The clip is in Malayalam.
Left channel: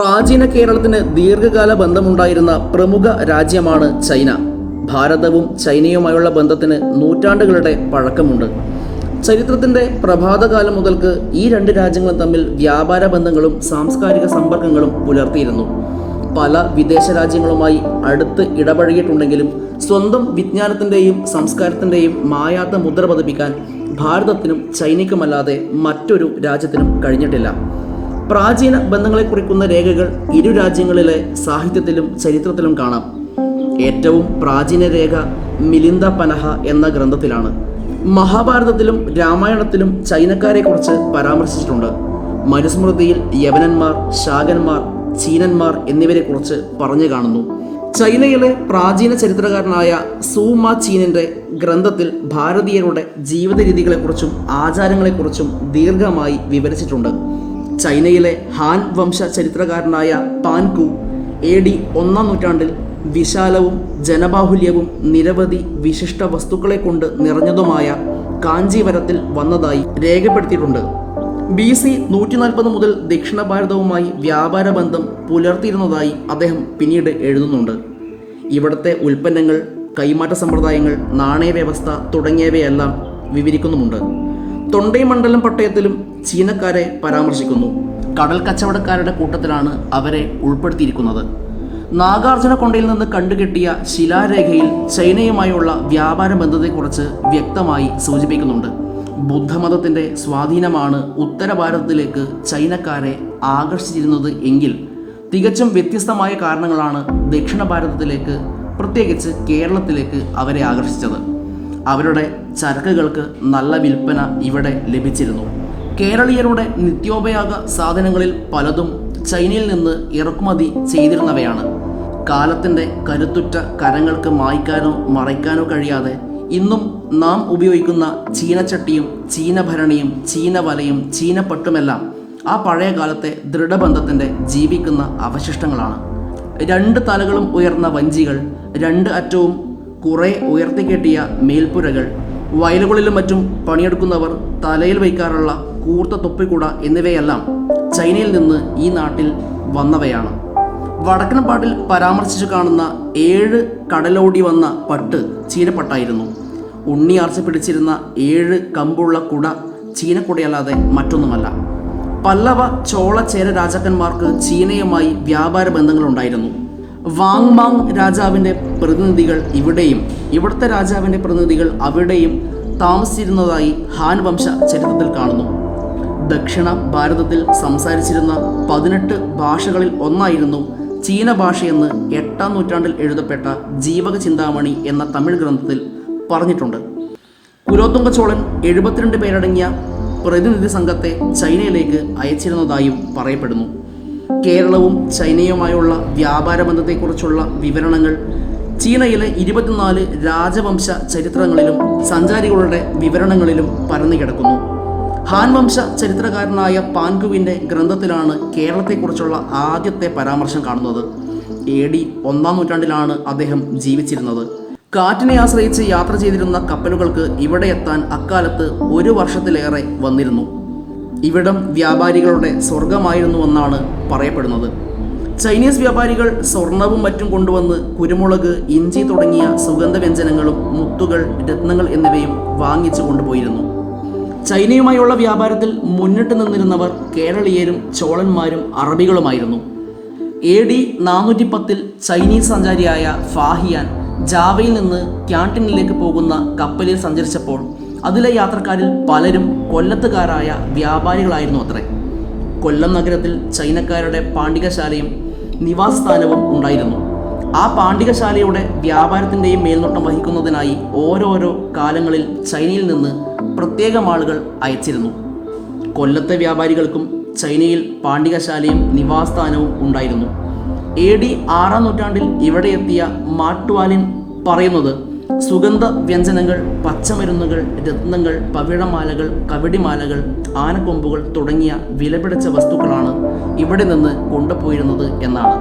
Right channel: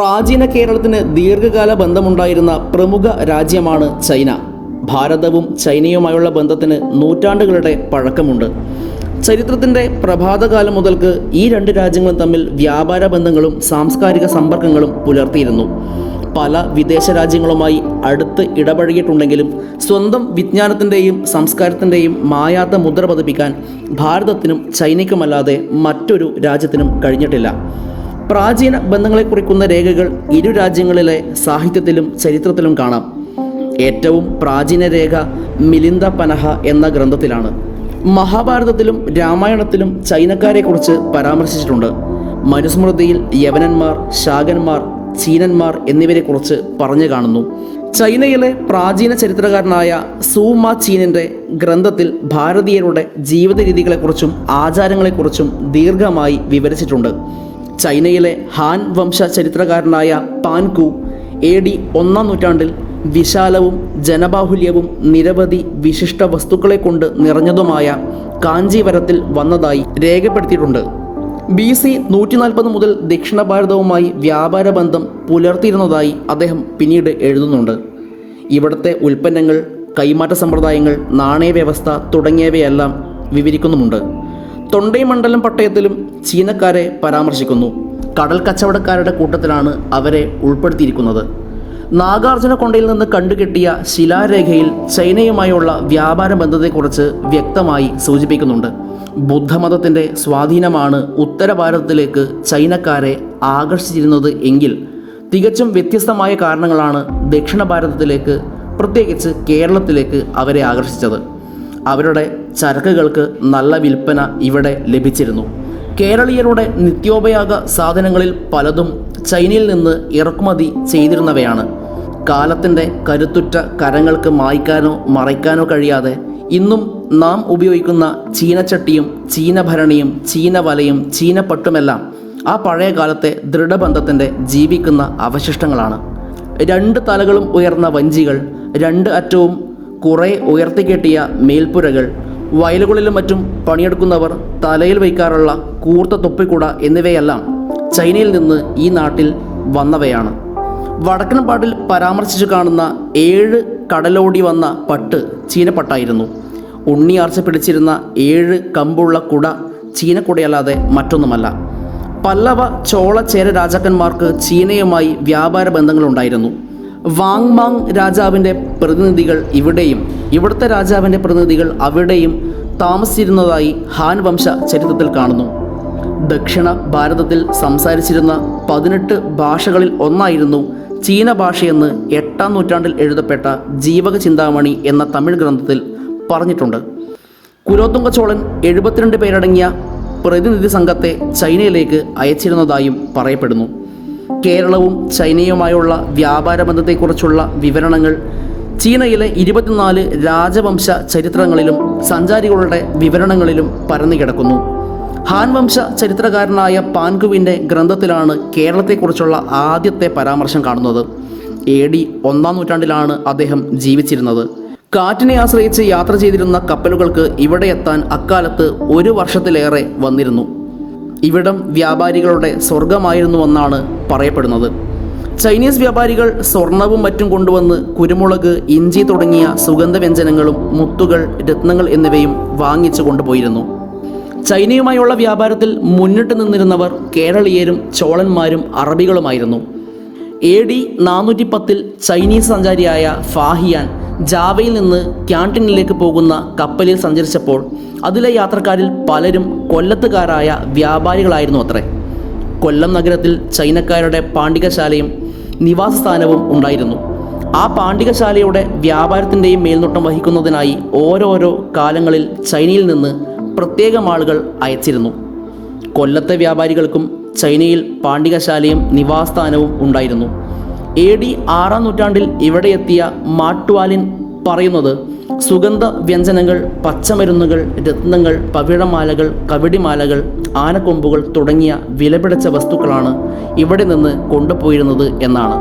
പ്രാചീന കേരളത്തിന് ദീർഘകാല ബന്ധമുണ്ടായിരുന്ന പ്രമുഖ രാജ്യമാണ് ചൈന. ഭാരതവും ചൈനയുമായുള്ള ബന്ധത്തിന് നൂറ്റാണ്ടുകളുടെ പഴക്കമുണ്ട്. ചരിത്രത്തിൻ്റെ പ്രഭാതകാലം മുതൽക്ക് ഈ രണ്ട് രാജ്യങ്ങളും തമ്മിൽ വ്യാപാര ബന്ധങ്ങളും സാംസ്കാരിക സമ്പർക്കങ്ങളും പുലർത്തിയിരുന്നു. പല വിദേശ രാജ്യങ്ങളുമായി അടുത്ത് ഇടപഴകിയിട്ടുണ്ടെങ്കിലും സ്വന്തം വിജ്ഞാനത്തിൻ്റെയും സംസ്കാരത്തിൻ്റെയും മായാത്ത മുദ്ര പതിപ്പിക്കാൻ ഭാരതത്തിനും ചൈനയ്ക്കുമല്ലാതെ മറ്റൊരു രാജ്യത്തിനും കഴിഞ്ഞിട്ടില്ല. പ്രാചീന ബന്ധങ്ങളെ കുറിക്കുന്ന രേഖകൾ ഇരു രാജ്യങ്ങളിലെ സാഹിത്യത്തിലും ചരിത്രത്തിലും കാണാം. ഏറ്റവും പ്രാചീന രേഖ മിലിന്ദ പനഹ എന്ന ഗ്രന്ഥത്തിലാണ്. മഹാഭാരതത്തിലും രാമായണത്തിലും ചൈനക്കാരെക്കുറിച്ച് പരാമർശിച്ചിട്ടുണ്ട്. മനുസ്മൃതിയിൽ യവനന്മാർ, ശാകന്മാർ, ചീനന്മാർ എന്നിവരെക്കുറിച്ച് പറഞ്ഞു കാണുന്നു. ചൈനയിലെ പ്രാചീന ചരിത്രകാരനായ സൂമ ചീനിൻ്റെ ഗ്രന്ഥത്തിൽ ഭാരതീയരുടെ ജീവിത രീതികളെക്കുറിച്ചും ആചാരങ്ങളെക്കുറിച്ചും ദീർഘമായി വിവരിച്ചിട്ടുണ്ട്. ചൈനയിലെ ഹാൻ വംശ ചരിത്രകാരനായ പാൻകു AD 1-ാം നൂറ്റാണ്ടിൽ വിശാലവും ജനബാഹുല്യവും നിരവധി വിശിഷ്ട വസ്തുക്കളെ കൊണ്ട് നിറഞ്ഞതുമായ കാഞ്ചീവരത്തിൽ വന്നതായി രേഖപ്പെടുത്തിയിട്ടുണ്ട്. BC 140 മുതൽ ദക്ഷിണ ഭാരതവുമായി വ്യാപാര ബന്ധം പുലർത്തിയിരുന്നതായി അദ്ദേഹം പിന്നീട് എഴുതുന്നുണ്ട്. ഇവിടുത്തെ ഉൽപ്പന്നങ്ങൾ, കൈമാറ്റ സമ്പ്രദായങ്ങൾ, നാണയവ്യവസ്ഥ തുടങ്ങിയവയെല്ലാം വിവരിക്കുന്നുമുണ്ട്. തൊണ്ടൈമണ്ഡലം പട്ടയത്തിലും ചീനക്കാരെ പരാമർശിക്കുന്നു. കടൽ കച്ചവടക്കാരുടെ കൂട്ടത്തിലാണ് അവരെ ഉൾപ്പെടുത്തിയിരിക്കുന്നത്. നാഗാർജുന കൊണ്ടയിൽ നിന്ന് കണ്ടുകിട്ടിയ ശിലാരേഖയിൽ ചൈനയുമായുള്ള വ്യാപാര ബന്ധത്തെക്കുറിച്ച് വ്യക്തമായി സൂചിപ്പിക്കുന്നുണ്ട്. ബുദ്ധമതത്തിൻ്റെ സ്വാധീനമാണ് ഉത്തര ഭാരതത്തിലേക്ക് ചൈനക്കാരെ ആകർഷിച്ചിരുന്നത് എങ്കിൽ തികച്ചും വ്യത്യസ്തമായ കാരണങ്ങളാണ് ദക്ഷിണ ഭാരതത്തിലേക്ക്, പ്രത്യേകിച്ച് കേരളത്തിലേക്ക് അവരെ ആകർഷിച്ചത്. അവരുടെ ചരക്കുകൾക്ക് നല്ല വിൽപ്പന ഇവിടെ ലഭിച്ചിരുന്നു. കേരളീയരുടെ നിത്യോപയോഗ സാധനങ്ങളിൽ പലതും ചൈനയിൽ നിന്ന് ഇറക്കുമതി ചെയ്തിരുന്നവയാണ്. കാലത്തിൻ്റെ കരുത്തുറ്റ കരങ്ങൾക്ക് മായ്ക്കാനോ മറയ്ക്കാനോ കഴിയാതെ ഇന്നും നാം ഉപയോഗിക്കുന്ന ചീനച്ചട്ടിയും ചീനഭരണിയും ചീനവലയും ചീനപ്പട്ടുമെല്ലാം ആ പഴയ കാലത്തെ ദൃഢബന്ധത്തിൻ്റെ ജീവിക്കുന്ന അവശിഷ്ടങ്ങളാണ്. 2 തലകളും ഉയർന്ന വഞ്ചികൾ, 2 അറ്റവും കുറേ ഉയർത്തിക്കെട്ടിയ മേൽപ്പുരകൾ, വയലുകളിലും മറ്റും പണിയെടുക്കുന്നവർ തലയിൽ വയ്ക്കാറുള്ള കൂർത്ത തൊപ്പിക്കുട എന്നിവയെല്ലാം ചൈനയിൽ നിന്ന് ഈ നാട്ടിൽ വന്നവയാണ്. വടക്കൻ പാട്ടിൽ പരാമർശിച്ചു കാണുന്ന 7 കടലോടി വന്ന പട്ട് ചീനപ്പട്ടായിരുന്നു. ഉണ്ണിയാർച്ച പിടിച്ചിരുന്ന 7 കമ്പുള്ള കുട ചീനക്കുടയല്ലാതെ മറ്റൊന്നുമല്ല. പല്ലവ, ചോള, ചേര രാജാക്കന്മാർക്ക് ചീനയുമായി വ്യാപാര ബന്ധങ്ങളുണ്ടായിരുന്നു. വാങ് മാങ് രാജാവിൻ്റെ പ്രതിനിധികൾ ഇവിടെയും ഇവിടുത്തെ രാജാവിൻ്റെ പ്രതിനിധികൾ അവിടെയും താമസിച്ചിരുന്നതായി ഹാൻ വംശ ചരിത്രത്തിൽ കാണുന്നു. ദക്ഷിണ ഭാരതത്തിൽ സംസാരിച്ചിരുന്ന 18 ഭാഷകളിൽ ഒന്നായിരുന്നു ചീന ഭാഷയെന്ന് 8-ാം നൂറ്റാണ്ടിൽ എഴുതപ്പെട്ട ജീവക ചിന്താമണി എന്ന തമിഴ് ഗ്രന്ഥത്തിൽ പറഞ്ഞിട്ടുണ്ട്. കുലോത്തുംഗ ചോളൻ 72 പേരടങ്ങിയ പ്രതിനിധി സംഘത്തെ ചൈനയിലേക്ക് അയച്ചിരുന്നതായും പറയപ്പെടുന്നു. കേരളവും ചൈനയുമായുള്ള വ്യാപാര ബന്ധത്തെക്കുറിച്ചുള്ള വിവരണങ്ങൾ ചീനയിലെ 24 രാജവംശ ചരിത്രങ്ങളിലും സഞ്ചാരികളുടെ വിവരണങ്ങളിലും പരന്നു കിടക്കുന്നു. ഹാൻ വംശ ചരിത്രകാരനായ പാൻകുവിൻ്റെ ഗ്രന്ഥത്തിലാണ് കേരളത്തെക്കുറിച്ചുള്ള ആദ്യത്തെ പരാമർശം കാണുന്നത്. AD 1-ാം നൂറ്റാണ്ടിലാണ് അദ്ദേഹം ജീവിച്ചിരുന്നത്. കാറ്റിനെ ആശ്രയിച്ച് യാത്ര ചെയ്തിരുന്ന കപ്പലുകൾക്ക് ഇവിടെ എത്താൻ അക്കാലത്ത് 1 വർഷത്തിലേറെ വന്നിരുന്നു. ഇവിടം വ്യാപാരികളുടെ സ്വർഗമായിരുന്നുവെന്നാണ് പറയപ്പെടുന്നത്. ചൈനീസ് വ്യാപാരികൾ സ്വർണവും മറ്റും കൊണ്ടുവന്ന് കുരുമുളക്, ഇഞ്ചി തുടങ്ങിയ സുഗന്ധവ്യഞ്ജനങ്ങളും മുത്തുകൾ, രത്നങ്ങൾ എന്നിവയും വാങ്ങിച്ചു കൊണ്ടുപോയിരുന്നു. ചൈനയുമായുള്ള വ്യാപാരത്തിൽ മുന്നിട്ട് നിന്നിരുന്നവർ കേരളീയരും ചോളന്മാരും അറബികളുമായിരുന്നു. AD 410 ചൈനീസ് സഞ്ചാരിയായ ഫാഹിയാൻ ജാവയിൽ നിന്ന് ക്യാൻറ്റീനിലേക്ക് പോകുന്ന കപ്പലിൽ സഞ്ചരിച്ചപ്പോൾ അതിലെ യാത്രക്കാരിൽ പലരും കൊല്ലത്തുകാരായ വ്യാപാരികളായിരുന്നു അത്രേ. കൊല്ലം നഗരത്തിൽ ചൈനക്കാരുടെ പാണ്ഡികശാലയും നിവാസസ്ഥാനവും ഉണ്ടായിരുന്നു. ആ പാണ്ഡികശാലയുടെ വ്യാപാരത്തിൻ്റെയും മേൽനോട്ടം വഹിക്കുന്നതിനായി ഓരോരോ കാലങ്ങളിൽ ചൈനയിൽ നിന്ന് പ്രത്യേകം ആളുകൾ അയച്ചിരുന്നു. കൊല്ലത്തെ വ്യാപാരികൾക്കും ചൈനയിൽ പാണ്ഡികശാലയും നിവാസസ്ഥാനവും ഉണ്ടായിരുന്നു. AD 6-ാം നൂറ്റാണ്ടിൽ ഇവിടെ എത്തിയ മാട്വാലിൻ പറയുന്നത് സുഗന്ധ വ്യഞ്ജനങ്ങൾ, പച്ചമരുന്നുകൾ, രത്നങ്ങൾ, പവിഴമാലകൾ, കവടിമാലകൾ, ആനക്കൊമ്പുകൾ തുടങ്ങിയ വിലപിടിച്ച വസ്തുക്കളാണ് ഇവിടെ നിന്ന് കൊണ്ടുപോയിരുന്നത് എന്നാണ്.